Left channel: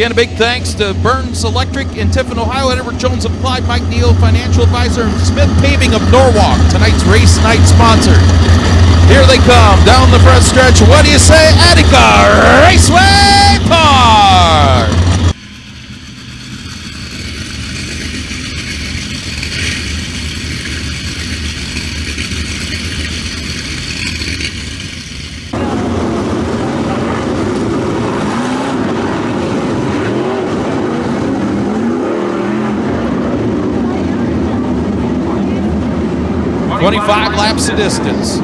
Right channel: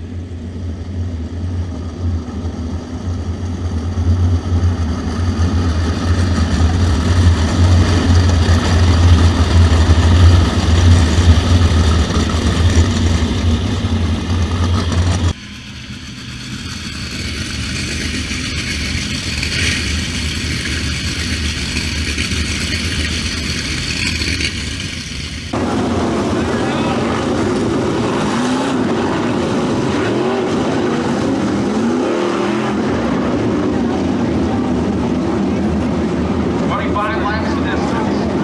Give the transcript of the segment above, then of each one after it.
Again, a big thanks to Burns Electric in Tiffin, Ohio, Edward Jones Applied, Mike Neal, Financial Advisor, and Smith Paving of Norwalk, tonight's race night sponsor. Here they come down the front stretch. What do you say, Attica Raceway Park? Laps of distance.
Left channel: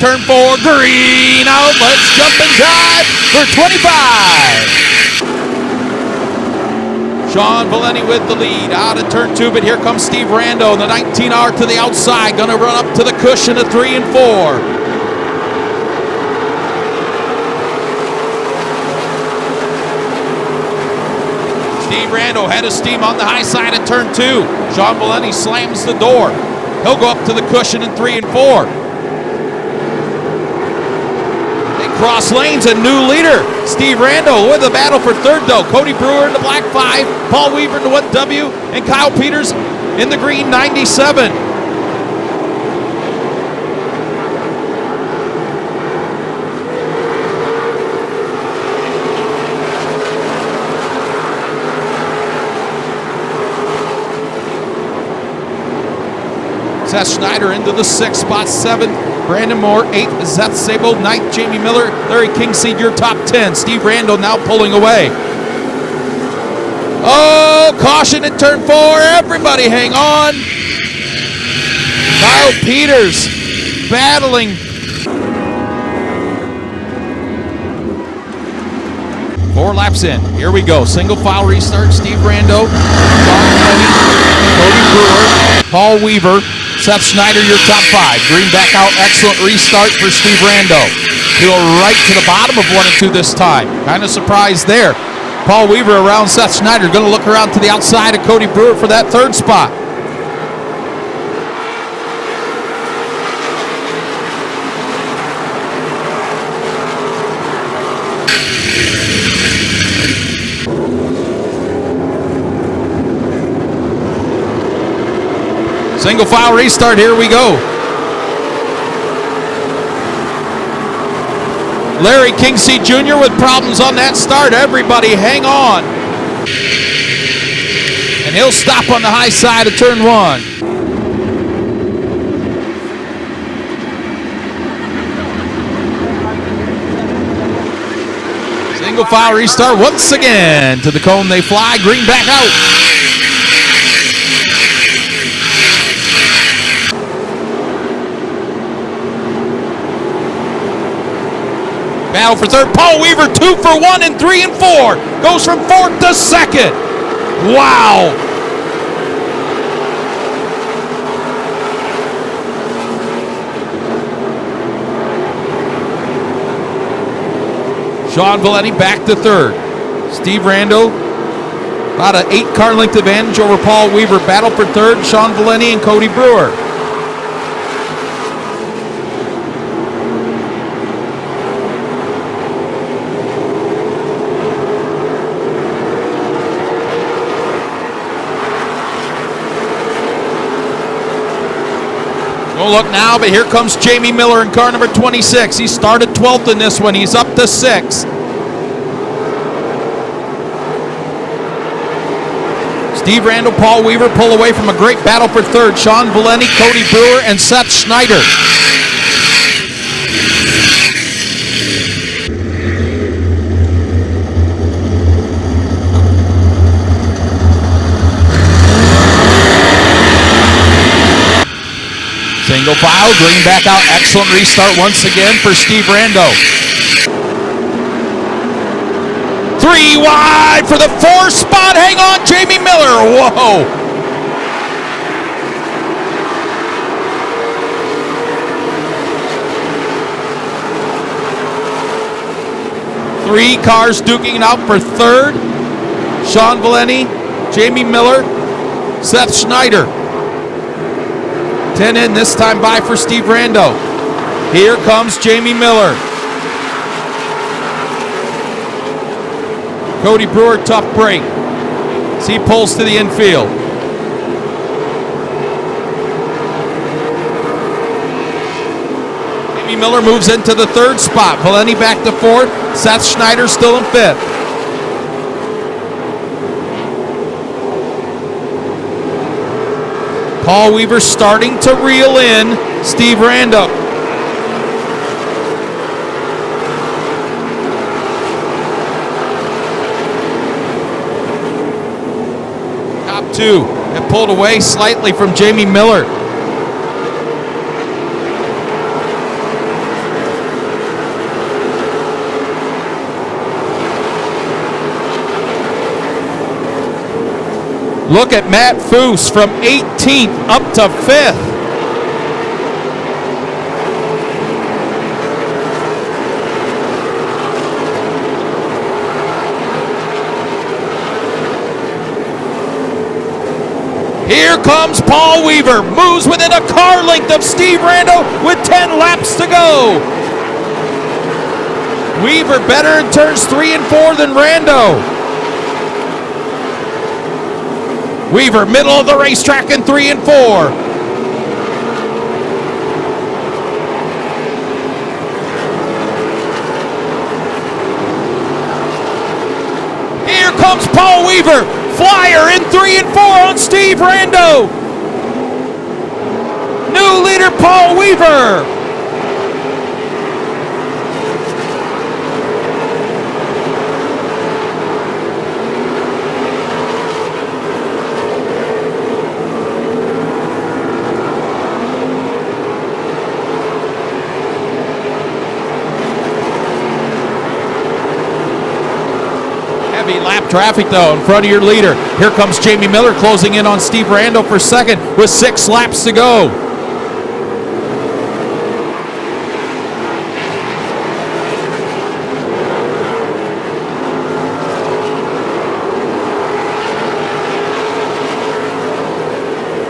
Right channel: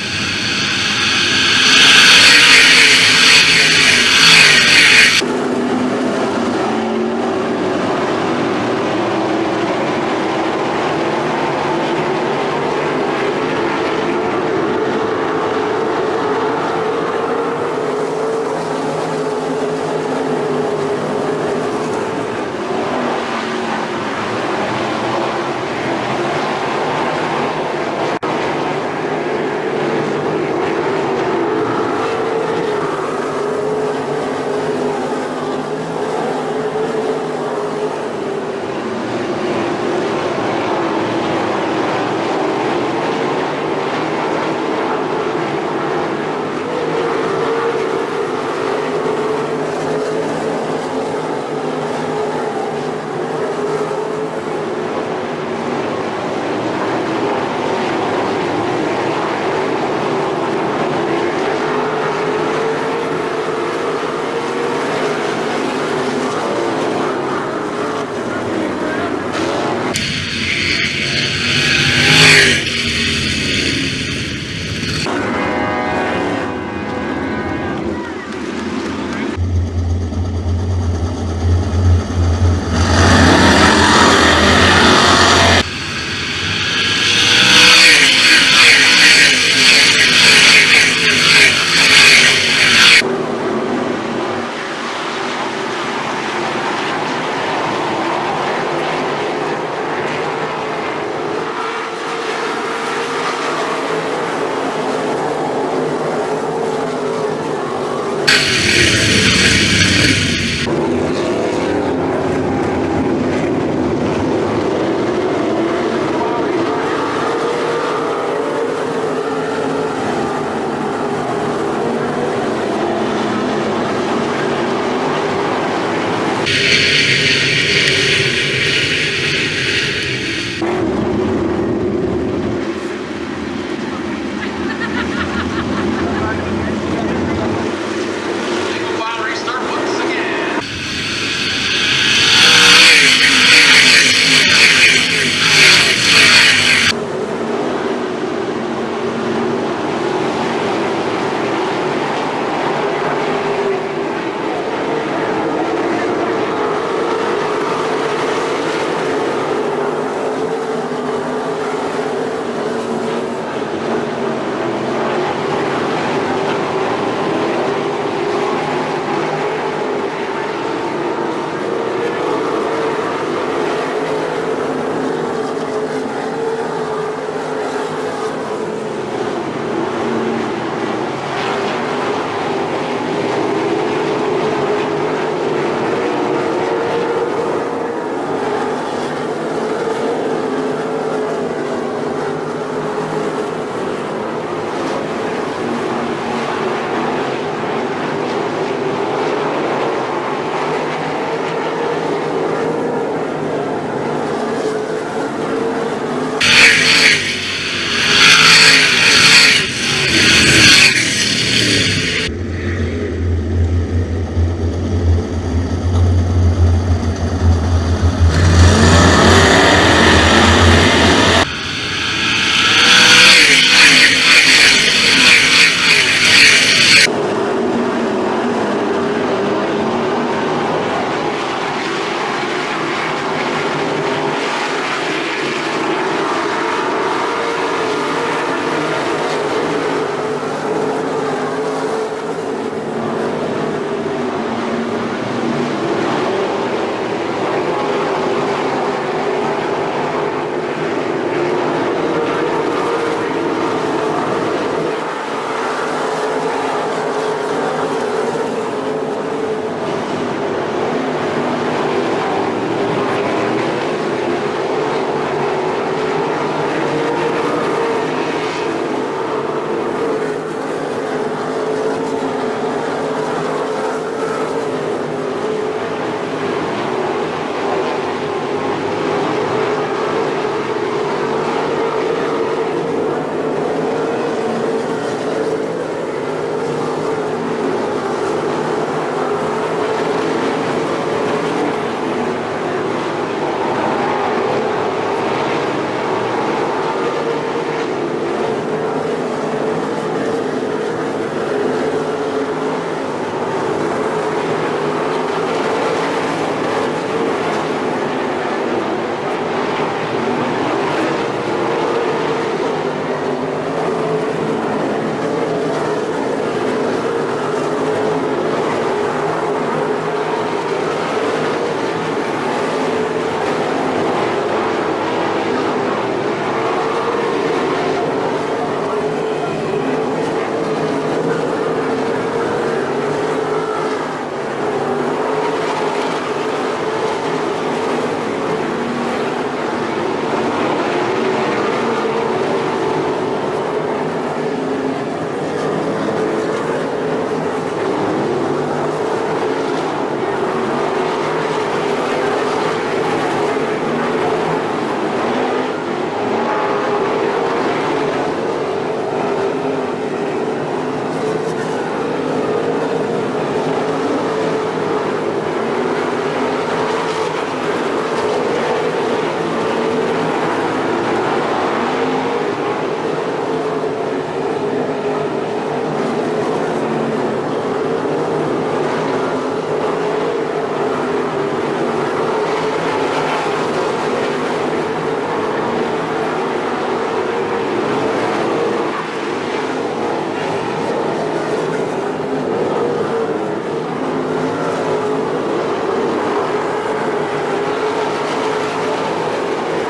Turn 4, green out. Let's jump and drive for 25. Sean Valenti with the lead out of turn 2, but here comes Steve Rando, the 19R to the outside, gonna run up to the cushion of 3 and 4. Head of steam on the high side of turn 2. Sean Valenti slams the door. He'll go up to the cushion in 3 and 4. They cross lanes, a new leader. Steve Rando with the battle for third though. Cody Brewer in the black 5, Paul Weaver in the 1W, and Kyle Peters in the green 97. Seth Schneider into the 6th spot, 7th. Brandon Moore, 8th. Seth Sable, 9th. Jamie Miller, Larry King Sr., top 10. Steve Rando now pulling away. Oh, caution in turn 4. Everybody hang on. Kyle Peters battling. Four laps in. Here we go. Single file restart. Steve Rando. Paul Weaver. Seth Schneider, your top 5. Green back out. Excellent restart for Steve Rando. He'll right to the bottom of 1 and 2 this time. Kind of surprised there. Paul Weaver around Seth Schneider. Going to look around to the outside of Cody Brewer for that 3rd spot. Single file restart, here we go. Larry Kingsey Jr. with problems on that start. Everybody hang on. And he'll stop on the high side of turn 1. Single file restart once again. To the cone they fly, green back out. Battle for third. Paul Weaver 2 for 1 and 3 and 4. Goes from 4th to 2nd. Wow. Sean Valenti back to 3rd. Steve Rando about an 8-car length advantage over Paul Weaver. Battle for 3rd. Sean Valenti and Cody Brewer. Look now, but here comes Jamie Miller in car number 26. He started 12th in this one. He's up to 6th. Steve Rando, Paul Weaver pull away from a great battle for 3rd. Sean Valenti, Cody Brewer, and Seth Schneider. Single file, green back out. Excellent restart once again for Steve Rando. 3 wide for the 4th spot. Hang on, Jamie Miller. Whoa. Three cars duking it out for 3rd. Sean Valenti, Jamie Miller, Seth Schneider. 10 in this time by for Steve Rando. Here comes Jamie Miller. Cody Brewer, tough break as he pulls to the infield. Jamie Miller moves into the third spot. Valenti back to fourth. Seth Schneider still in fifth. Paul Weaver starting to reel in Steve Rando. Top two and pulled away slightly from Jamie Miller. Look at Matt Foose from 18th up to 5th. Here comes Paul Weaver, moves within a car length of Steve Rando with 10 laps to go. Weaver better in turns 3 and 4 than Rando. Weaver, middle of the racetrack in 3 and 4. Here comes Paul Weaver, flyer in 3 and 4 on Steve Rando. New leader Paul Weaver. Traffic though in front of your leader. Here comes Jamie Miller closing in on Steve Rando for second with 6 laps to go.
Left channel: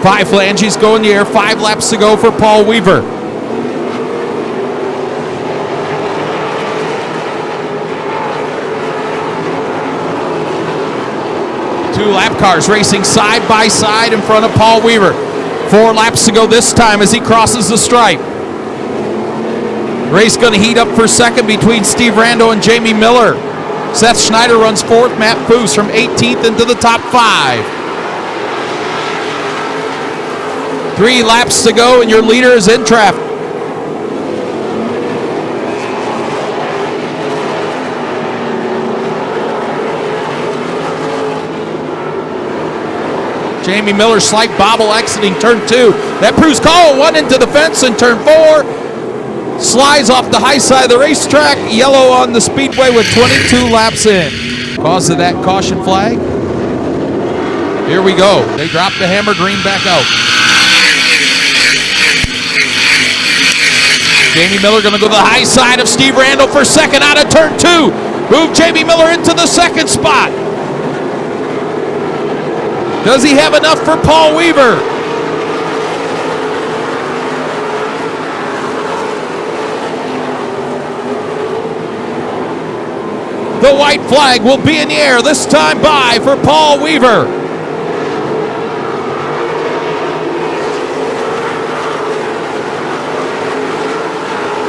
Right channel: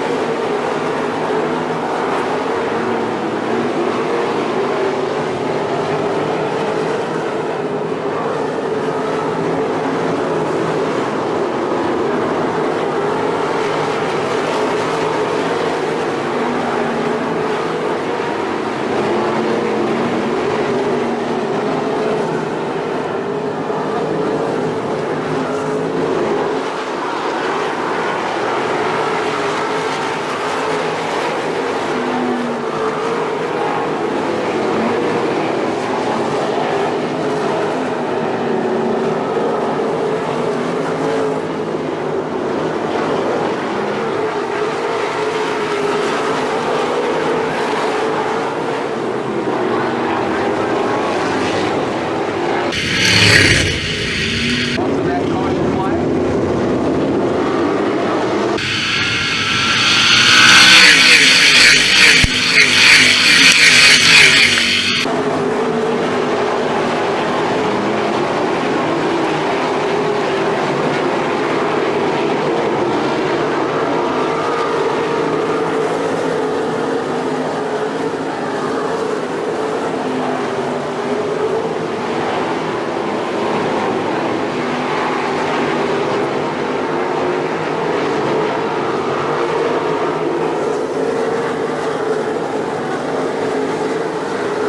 Five flanges go in the air, 5 laps to go for Paul Weaver. Cars racing side by side in front of Paul Weaver. 4 laps to go this time as he crosses the stripe. Race going to heat up for second between Steve Rando and Jamie Miller. Seth Schneider runs fourth. Matt Foose from 18th into the top 5. 3 laps to go and your leader is in traffic. Jamie Miller slight bobble exiting turn 2. That proves call. 1 into the fence in turn 4. Slides off the high side of the racetrack. Yellow on the speedway with 22 laps in. Cause of that caution flag. Here we go. They drop the hammer, green back out. Jamie Miller going to go to the high side of Steve Rando for second out of turn 2. Move Jamie Miller into the second spot. Does he have enough for Paul Weaver? The white flag will be in the air this time by for Paul Weaver.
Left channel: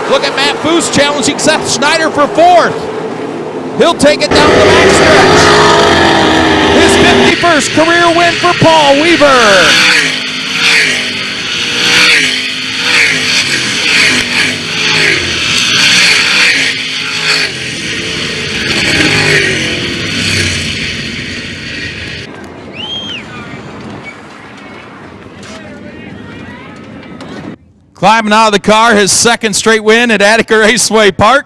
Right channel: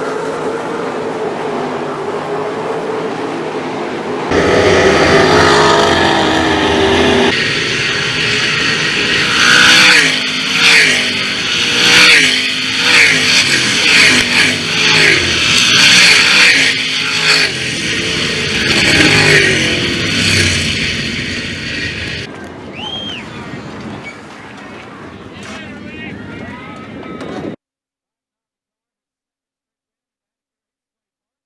Look at Matt Foose challenging Seth Schneider for 4th. He'll take it down the long stretch. His 51st career win for Paul Weaver. Climbing out of the car, his second straight win at Attica Raceway Park.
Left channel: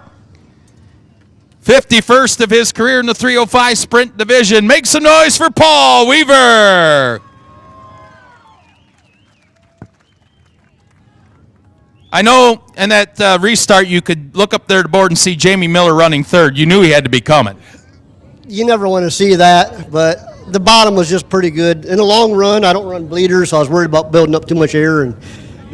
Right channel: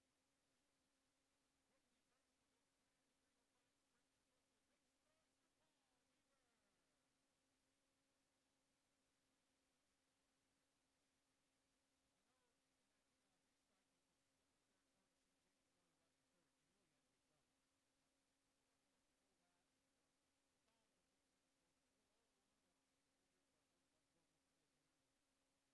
51st of his career in the 305 Sprint Division. Make some noise for Paul Weaver. I know in that restart you could look up there at the board and see Jamie Miller running third. You knew he had to be coming. You never want to see that, but the bottom was just pretty good. In the long run, I don't run bleeders, so I was worried about building up too much air, and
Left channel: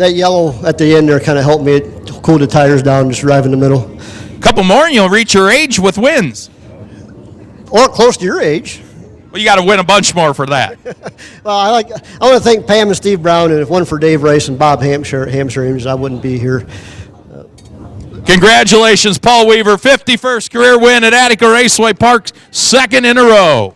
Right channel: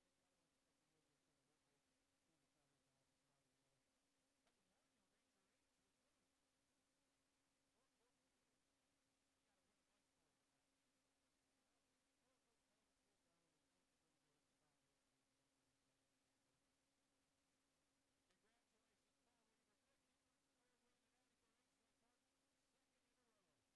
that yellow at the end there kind of helped me cool the tires down, just drive in the middle. Couple more and you'll reach your age with wins. Or close to your age. Well, you got to win a bunch more for that. Well, I want to thank Pam and Steve Brown, and if it wasn't for Dave Rice and Bob Hampshire, I wouldn't be here. Congratulations, Paul Weaver, 51st career win at Attica Raceway Park, second in a row.